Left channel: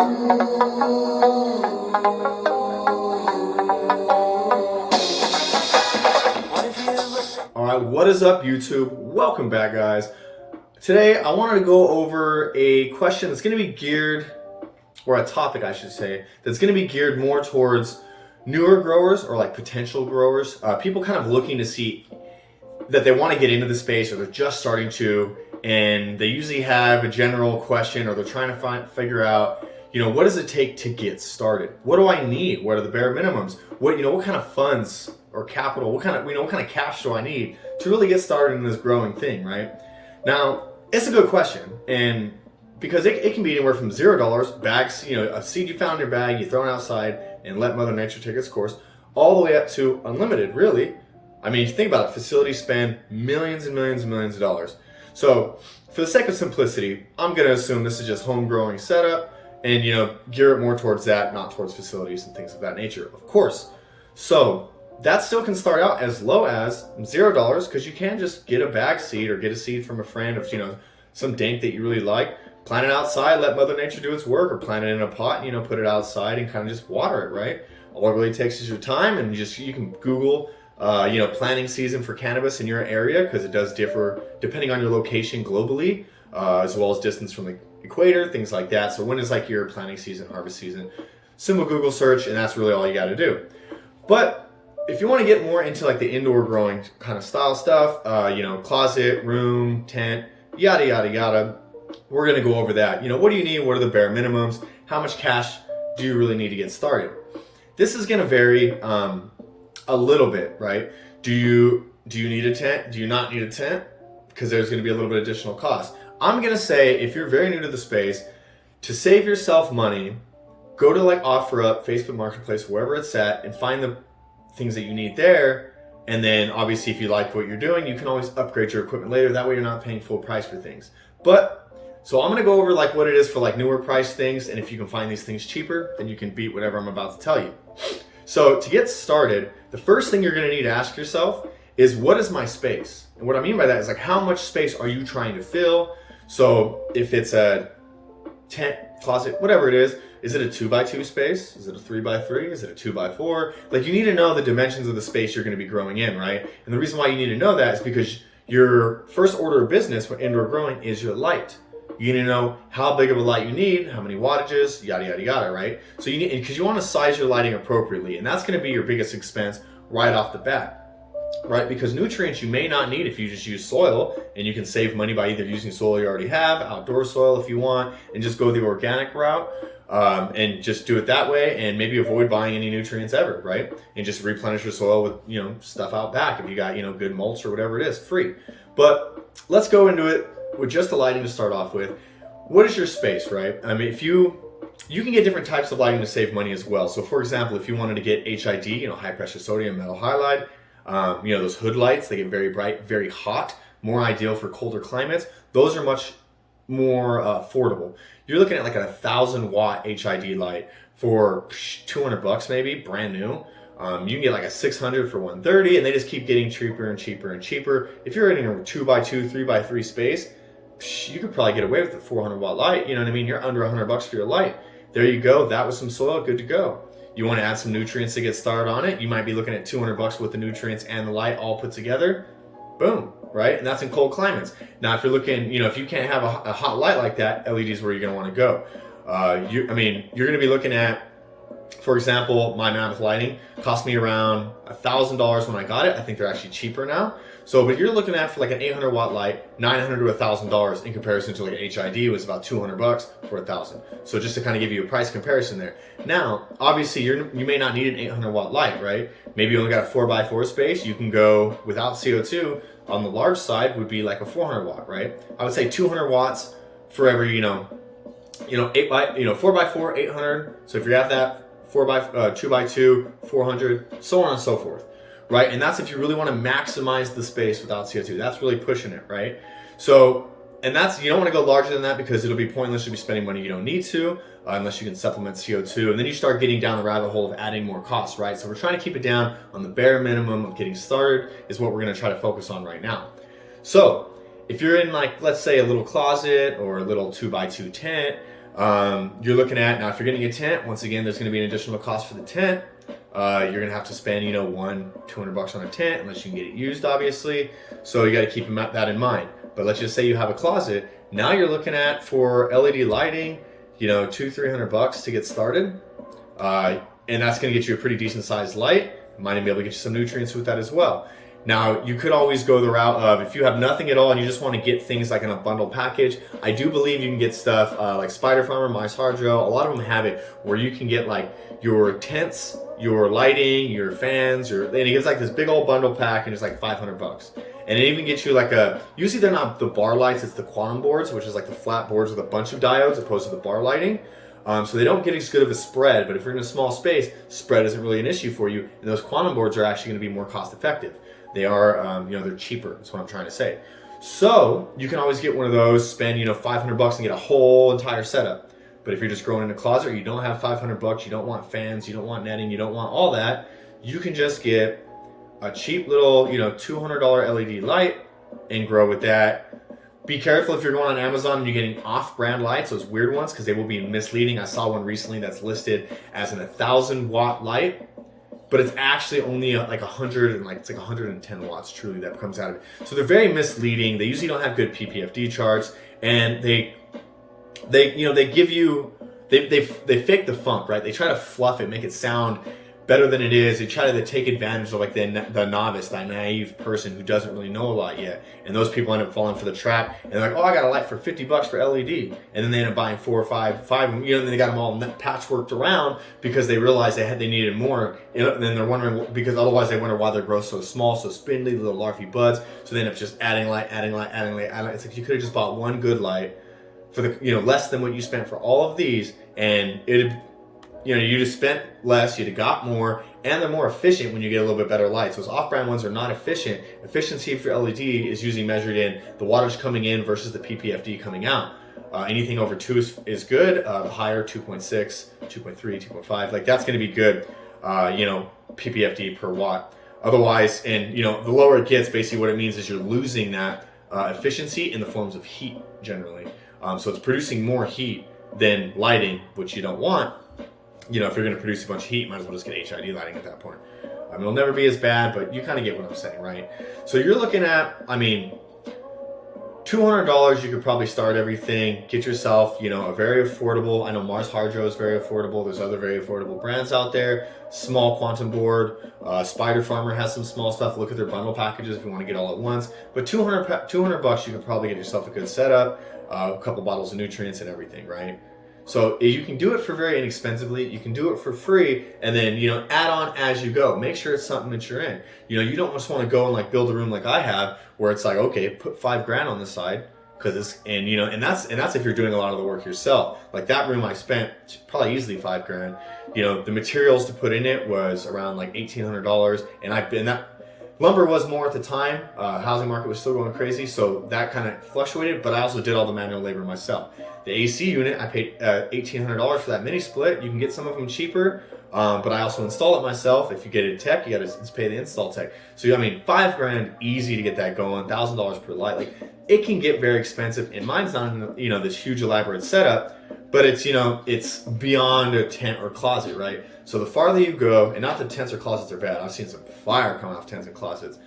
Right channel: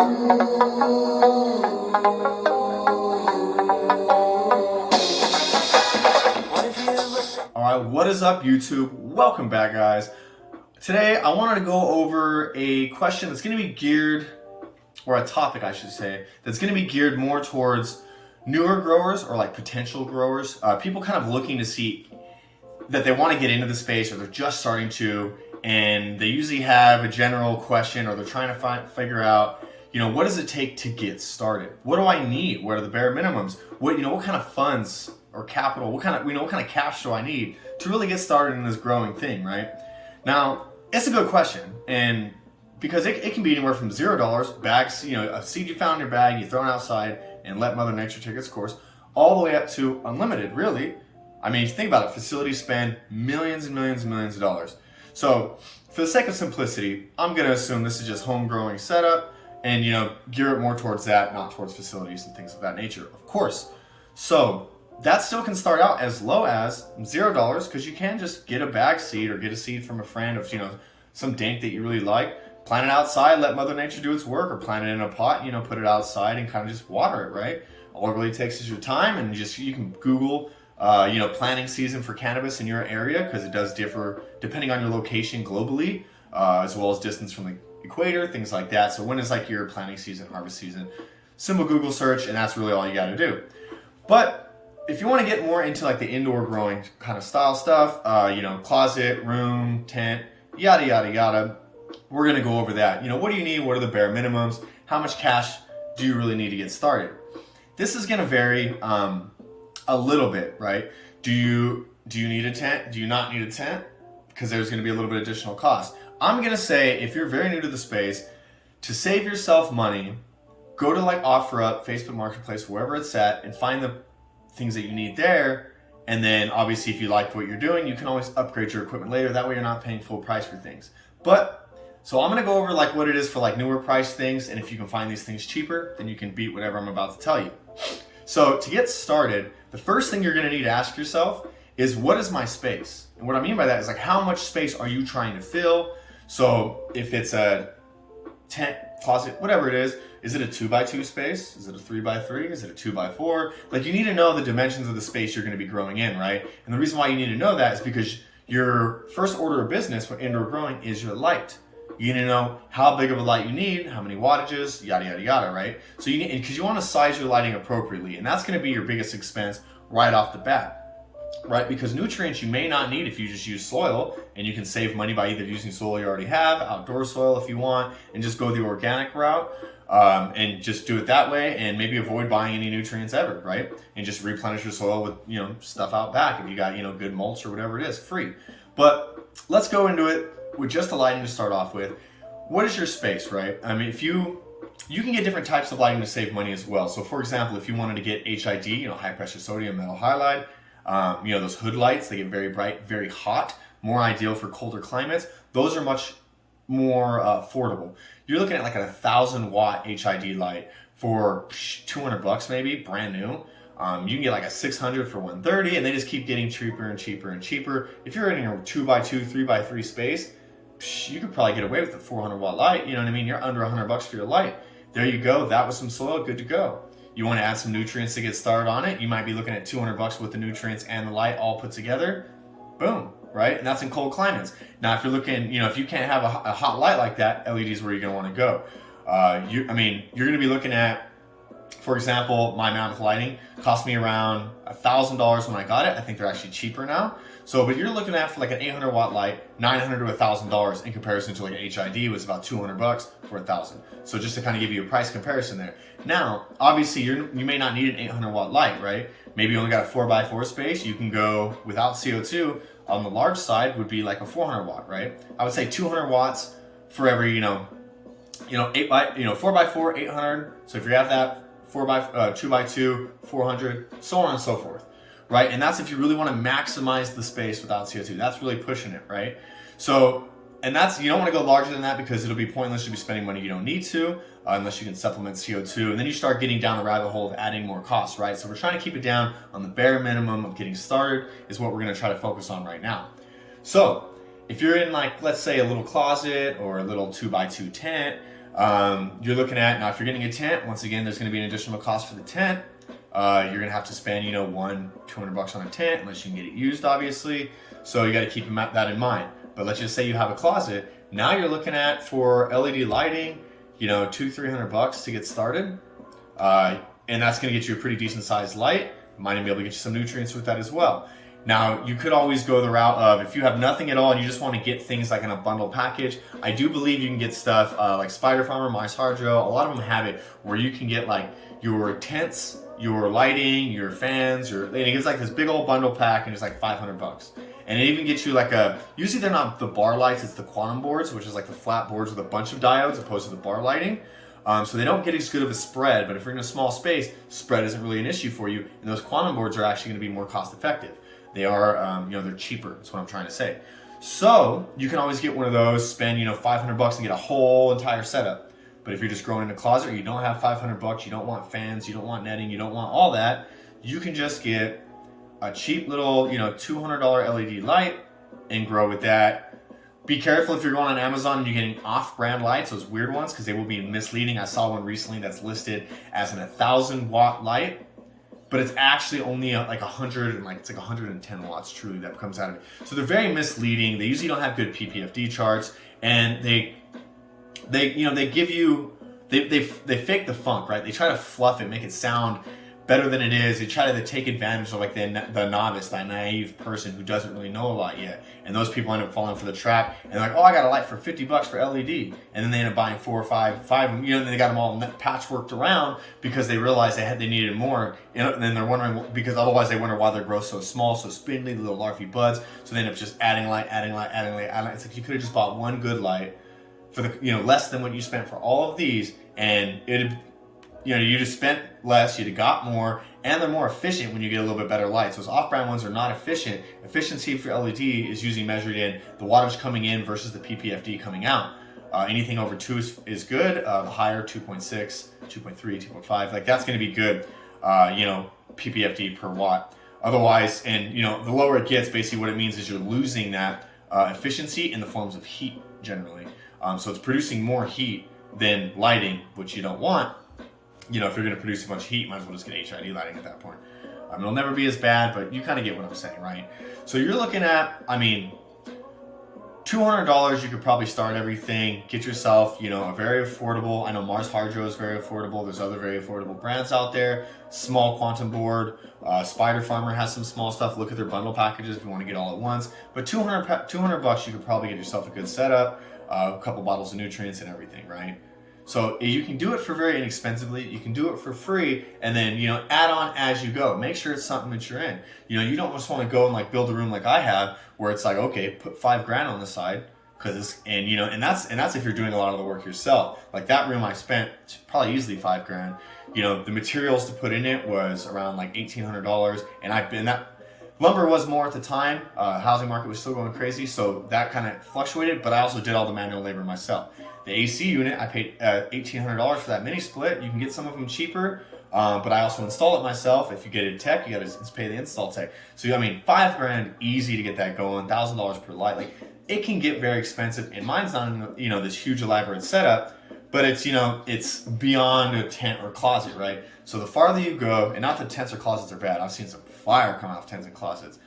Alright, what is up YouTube? Welcome back, guys. Today I wanted to go over a question that's going to be geared, or a topic I should say, that's going to be geared more towards newer growers or like potential growers, people kind of looking to see that they want to get into the space or they're just starting to, and they usually have a general question or they're trying to figure out, what does it take to get started? What do I need? What are the bare minimums? What kind of funds or capital, what kind of cash do I need to really get started in this growing thing, right? Now, it's a good question, and because it can be anywhere from $0, bags, a seed you found in your bag, you throw it outside and let Mother Nature take its course, all the way up to unlimited, really. I mean, if you think about it, facilities spend millions and millions and millions of dollars. So for the sake of simplicity, I'm gonna assume this is just home growing setup and, gear it more towards that, not towards facilities and things of that nature, of course. So that still can start out as low as $0 because you can just get a bag seed or get a seed from a friend of, some dank that you really like, plant it outside, let Mother Nature do its work, or plant it in a pot, put it outside and kind of just water it, right? All it really takes is your time, and you can Google, planting season for cannabis in your area because it does differ depending on your location globally, as well as distance from the equator, things like that. So when is like your planting season, harvest season? Simple Google search, and that's really all you got to do. But if you want to get more into like the indoor growing kind of style stuff, closet, room, tent, yada, yada, yada, we're going to go over that. What do you need? What are the bare minimums? How much cash do you really need to get started? This is going to vary a little bit, right? Do you need a tent? Do you not need a tent? Because there's going to be a little bit of additional cost. I'm going to say if you're very new to the space, to save yourself money, go to like OfferUp, Facebook Marketplace, wherever it's at, and find the things that you need there. And then obviously if you like what you're doing, you can always upgrade your equipment later. That way you're not paying full price for things. So I'm gonna go over like what it is for like newer price things, and if you can find these things cheaper, then you can beat whatever I'm about to tell you. So to get started, the first thing you're gonna need to ask yourself is, what is my space? And what I mean by that is like, how much space are you trying to fill? So if it's a tent, closet, whatever it is it a 2x2 space? Is it a 3x3? Is it a 2x4? Like, you need to know the dimensions of the space you're going to be growing in, right? And the reason why you need to know that is because your first order of business for indoor growing is your light. You need to know how big of a light you need, how many wattages, yada, yada, yada, right? So because you want to size your lighting appropriately, and that's going to be your biggest expense right off the bat. Right, because nutrients you may not need if you just use soil, and you can save money by either using soil you already have, outdoor soil if you want, and just go the organic route, and just do it that way, and maybe avoid buying any nutrients ever, right? And just replenish your soil with stuff out back if you got good mulch or whatever it is, free. But let's go into it with just the lighting to start off with. What is your space, right? I mean, if you can get different types of lighting to save money as well. So for example, if you wanted to get HID, high pressure sodium metal halide, those hood lights, they get very bright, very hot, more ideal for colder climates. Those are much more affordable. You're looking at like a 1,000-watt HID light for $200 maybe, brand new. You can get like a 600 for $130, and they just keep getting cheaper and cheaper and cheaper. If you're in a 2x2, 3x3 space, you could probably get away with a 400-watt light. You know what I mean? You're under $100 for your light. There you go. That was some soil, good to go. You want to add some nutrients to get started on it, you might be looking at $200 with the nutrients and the light all put together. Boom, right? And that's in cold climates. Now, if you're looking, if you can't have a hot light like that, LED is where you're going to want to go. You're going to be looking at, for example, my Mammoth lighting cost me around $1,000 when I got it. I think they're actually cheaper now. So, but you're looking at for like an 800-watt light, $900 to $1,000 in comparison to like an HID was about $200 for $1,000. So just to kind of give you a price comparison there. Now, obviously, you may not need an 800-watt light, right? Maybe you only got a 4x4 space. You can go without CO2. On the large side would be like a 400-watt, right? I would say 200 watts for every 4x4, 800. So if you have that 2x2, 400, so on and so forth, right? And that's if you really want to maximize the space without CO2. That's really pushing it, right? So, and that's, you don't want to go larger than that because it'll be pointless to be spending money you don't need to, unless you can supplement CO2. And then you start getting down the rabbit hole of adding more costs, right? So we're trying to keep it down on the bare minimum of getting started is what we're going to try to focus on right now. So if you're in, like, let's say a little closet or a little 2x2 tent, You're looking at, now if you're getting a tent, once again, there's going to be an additional cost for the tent. You're going to have to spend, you know, $200 on a tent, unless you can get it used, obviously. So you got to keep that in mind. But let's just say you have a closet. Now you're looking at, for LED lighting, you know, $200-300 to get started. And that's going to get you a pretty decent sized light. Might even be able to get you some nutrients with that as well. Now, you could always go the route of, if you have nothing at all and you just want to get things like in a bundle package, I do believe you can get stuff like Spider Farmer, Mars Hydro. A lot of them have it where you can get like your tents, your lighting, your fans, and it gives like this big old bundle pack, and it's like $500. And it even gets you like usually they're not the bar lights, it's the quantum boards, which is like the flat boards with a bunch of diodes opposed to the bar lighting. So they don't get as good of a spread, but if you're in a small space, spread isn't really an issue for you. And those quantum boards are actually going to be more cost effective. They are, you know, they're cheaper. That's what I'm trying to say. So you can always get one of those, spend, you know, $500 and get a whole entire setup. But if you're just growing in a closet, you don't have $500, you don't want fans, you don't want netting, you don't want all that, you can just get a cheap little, you know, $200 LED light and grow with that. Be careful if you're going on Amazon and you're getting off-brand lights, those weird ones, because they will be misleading. I saw one recently that's listed as an 1,000-watt light, but it's actually only like 100 and like it's like 110 watts truly that comes out of it. So they're very misleading. They usually don't have good PPFD charts, and they give you they fake the funk, right? They try to fluff it, make it sound better than it is. They try to take advantage of like the novice, that naive person who doesn't really know a lot yet, and those people end up falling for the trap. And they're like, oh, I got a light for $50 for LED, and then they end up buying 4 or 5, you know, and they got them all patchworked around because they realized they needed more, and then they're wondering, because otherwise they wonder why their growth so small, so spindly, little larvae buds. So they end up just adding light. It's like you could have just bought one good light for the, you know, less than what you spent for all of these, and it. You know, you just spent less, you'd have got more, and they're more efficient when you get a little bit better lights. Those off-brand ones are not efficient. Efficiency for LED is usually measured in the wattage coming in versus the PPFD coming out. Anything over 2 is good. The higher, 2.6, 2.3, 2.5, like that's going to be good, you know, PPFD per watt. Otherwise, and you know, the lower it gets, basically what it means is you're losing that efficiency in the forms of heat generally. So it's producing more heat than lighting, which you don't want. You know, if you're going to produce a bunch of heat, might as well just get HID lighting at that point. It'll never be as bad, but you kind of get what I'm saying, right? So you're looking at, I mean, $200, you could probably start everything. Get yourself, you know, a very affordable, I know Mars Hydro is very affordable. There's other very affordable brands out there. Small quantum board. Spider Farmer has some small stuff. Look at their bundle packages if you want to get all at once. But $200, you can probably get yourself a good setup, a couple bottles of nutrients and everything, right? So you can do it for very inexpensively, you can do it for free, and then, you know, add on as you go. Make sure it's something that you're in. You know, you don't just want to go and like build a room like I have, where it's like, okay, put $5,000 on the side, because it's, and you know, and that's if you're doing a lot of the work yourself. Like that room I spent probably easily $5,000. You know, the materials to put in it was around like $1,800, and that lumber was more at the time. Housing market was still going crazy, so that kind of fluctuated, but I also did all the manual labor myself. The AC unit, I paid $1,800 for that mini split. You can get some of them cheaper, but I also install it myself. If you get it tech, you got to pay the install tech. So I mean, $5,000 easy to get that going. $1,000 per light. Like it can get very expensive, and mine's not, you know, this huge elaborate setup, but it's, you know, it's beyond a tent or closet, right? So the farther you go, and not that tents or closets are bad. I've seen some fire come off tents and closets.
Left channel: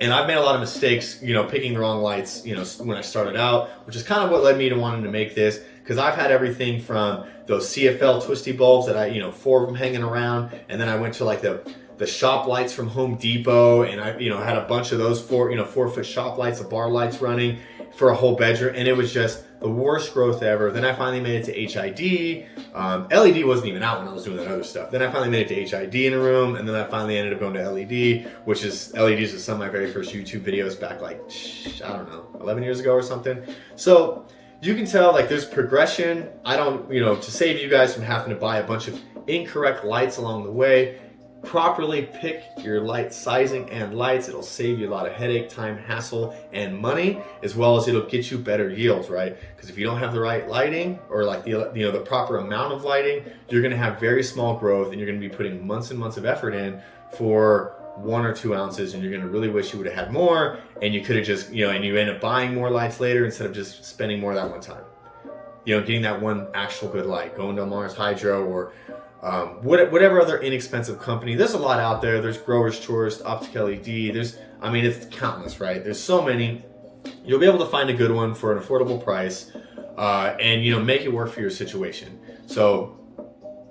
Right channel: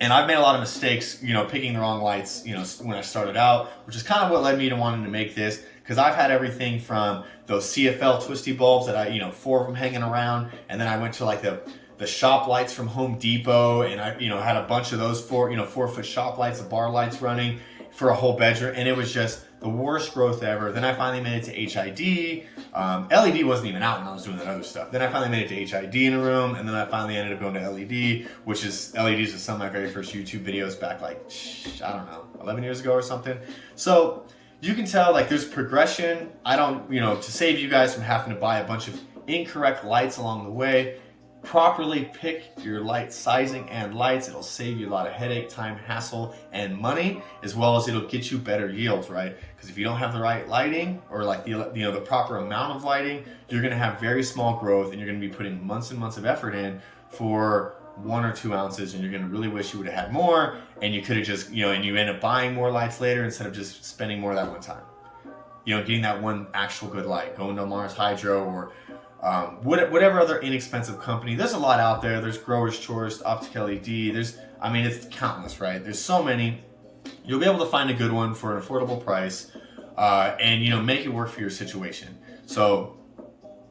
And I've made a lot of mistakes, you know, picking the wrong lights, you know, when I started out, which is kind of what led me to wanting to make this, because I've had everything from those CFL twisty bulbs that I, you know, 4 of them hanging around, and then I went to like the shop lights from Home Depot, and I, you know, had a bunch of those 4-foot shop lights, the bar lights running for a whole bedroom, and it was just the worst growth ever. Then I finally made it to HID. LED wasn't even out when I was doing that other stuff. Then I finally made it to HID in a room, and then I finally ended up going to LED, which is, LEDs is some of my very first YouTube videos back like, I don't know, 11 years ago or something. So you can tell like there's progression. I don't, you know, to save you guys from having to buy a bunch of incorrect lights along the way, properly pick your light sizing and lights. It'll save you a lot of headache, time, hassle, and money, as well as it'll get you better yields, right? Because if you don't have the right lighting, or like the proper amount of lighting, you're going to have very small growth, and you're going to be putting months and months of effort in for 1 or 2 ounces, and you're going to really wish you would have had more, and you could have just, you know, and you end up buying more lights later instead of just spending more that one time. getting that one actual good light, going to Mars Hydro or whatever other inexpensive company. There's a lot out there. There's Growers Choice, Optic LED. It's countless, right? There's so many. You'll be able to find a good one for an affordable price, and make it work for your situation. So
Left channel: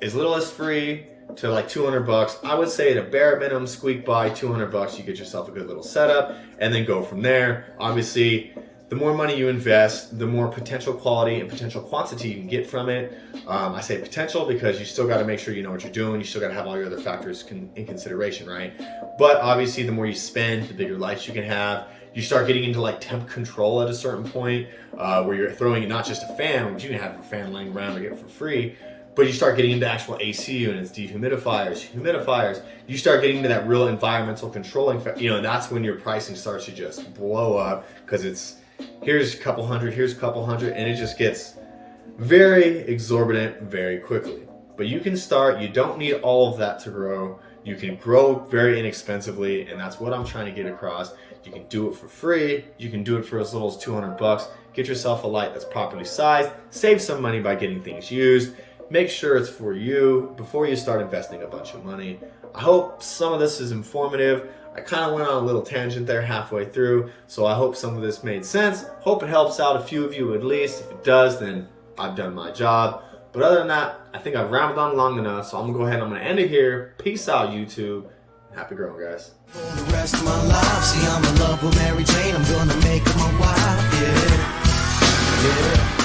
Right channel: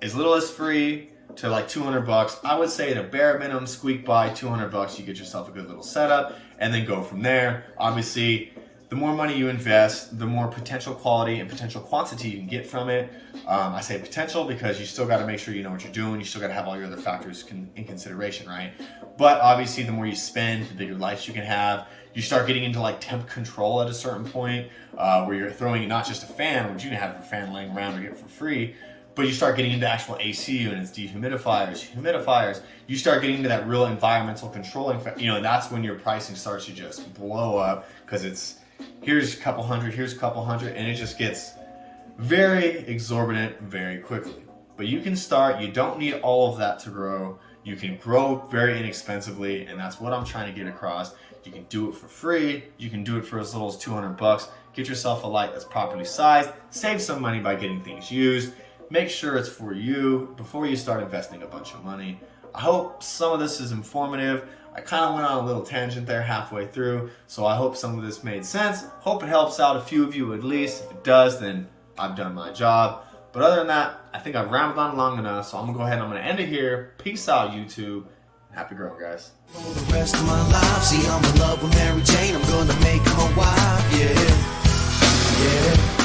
as little as free to like $200. I would say at a bare minimum, squeak by $200. You get yourself a good little setup, and then go from there. Obviously, the more money you invest, the more potential quality and potential quantity you can get from it. I say potential because you still got to make sure you know what you're doing. You still got to have all your other factors in consideration, right? But obviously, the more you spend, the bigger lights you can have. You start getting into like temp control at a certain point, where you're throwing not just a fan, which you can have a fan laying around to get for free, but you start getting into actual AC units, dehumidifiers, humidifiers. You start getting into that real environmental controlling, and that's when your pricing starts to just blow up, because here's a couple hundred, and it just gets very exorbitant very quickly. But you can start. You don't need all of that to grow. You can grow very inexpensively, and that's what I'm trying to get across. You can do it for free. You can do it for as little as $200. Get yourself a light that's properly sized. Save some money by getting things used. Make sure it's for you before you start investing a bunch of money. I hope some of this is informative. I kind of went on a little tangent there halfway through, so I hope some of this made sense. Hope it helps out a few of you at least. If it does, then I've done my job. But other than that, I think I've rambled on long enough, so I'm gonna go ahead and I'm gonna end it here. Peace out, YouTube. Happy growing, guys. For the rest of my life, see, I'm in love with Mary Jane. I'm gonna make her my wife, yeah.